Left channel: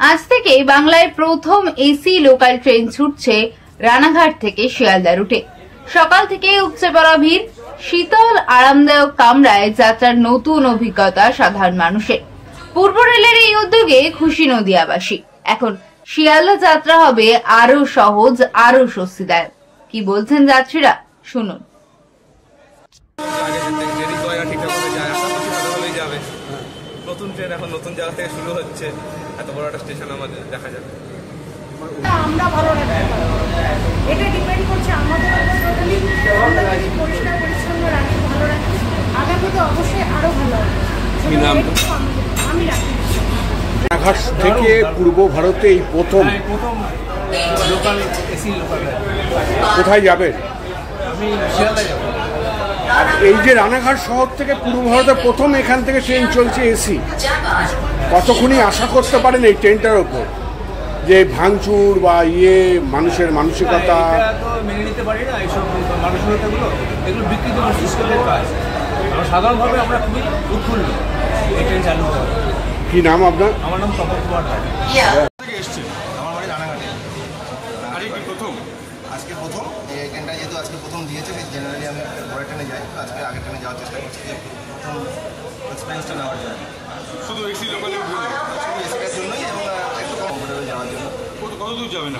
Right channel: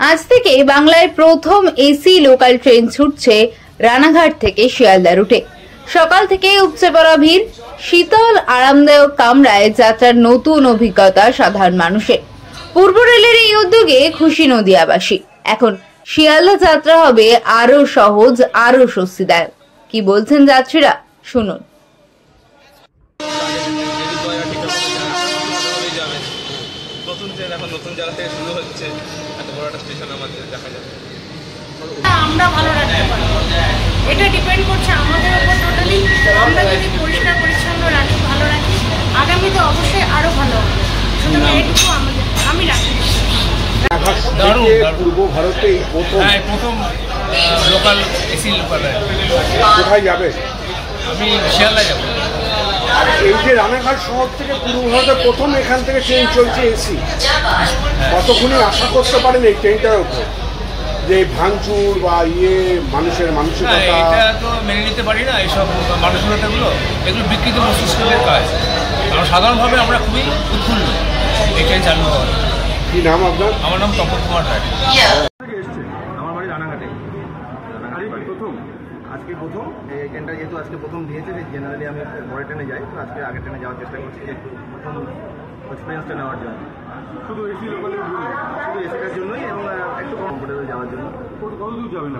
আজ থেকে বাংলায় প্রথম এসি লোকাল ট্রেন ছুটছে রানাঘাট থেকে শিয়ালদা রুটে। সকাল থেকে উপচে পড়া ভিড়, শীতল আরামদায়ক কামরায় যাত্রার নতুন অভিজ্ঞতা সাধারণ মানুষের। পূর্ব রেলের এই উদ্যোগে খুশি নদিয়াবাসী। এখন শিয়ালদা যাত্রা হবে আরো সহজ, আরো স্বস্তিদায়ক। কি বলছেন যাত্রীরা, শুনুন। নতুন ট্রেন এখন নতুন জায়গা থেকে শুরু হচ্ছে, এত বড় একটা স্টেশন আমাদের দেখা যাবে। আমরা ভালো রাখতে পারবো, এটা ডিপেন্ড করছে আমাদের উপর টোটালি। আমরা যদি পরিষ্কার পরিচ্ছন্ন রাখি, ভালো রাখি, আগামীতে অবশ্যই আরো ভালো হবে। শুধু এটুকু আমি রাখি। পূর্ব ভারতে এই প্রথম লোকাল এসি লোকাল। কোথায় যাবে? আমি শিয়ালদা যাব। এই যে রানাঘাট শহর থেকে পূর্ব ভারতে প্রথম এখান থেকে ট্রেন চলছে এসি, কতক্ষণই আশা করতে পারেন এই ট্রেনটার উপর যে ভাঙচুর বা মানুষের মানসিকতা? এটা তো মেনে নিতে পারি না, এইসব মানসিকতাগুলো, এগুলো বিকৃত মস্তিষ্কের কাজ। আমরা সাধারণভাবে আমরা খুবই উৎফুল্ল এই ট্রেন চালু হওয়ার। কি নাম আপনার? আমার নাম তপন কুমার রায়। আমার বাড়ি রানাঘাটে। প্রথম আজকে প্রথম এই ট্রেনটা যেহেতু আজকে প্রথম দিয়েছে, জেনারেলি আমি পরে ট্রেনে যাই, তো আজকে আগের ট্রেনে যাওয়ার চেষ্টা করছি যে একটু প্রথম এক্সপিরিয়েন্সটা নেওয়ার জন্য। শুধু এসি লোকাল শুধু এসিটার জন্যই এবং একটু কমফোর্টেবল যাওয়ার জন্য। কত দূর যাবেন?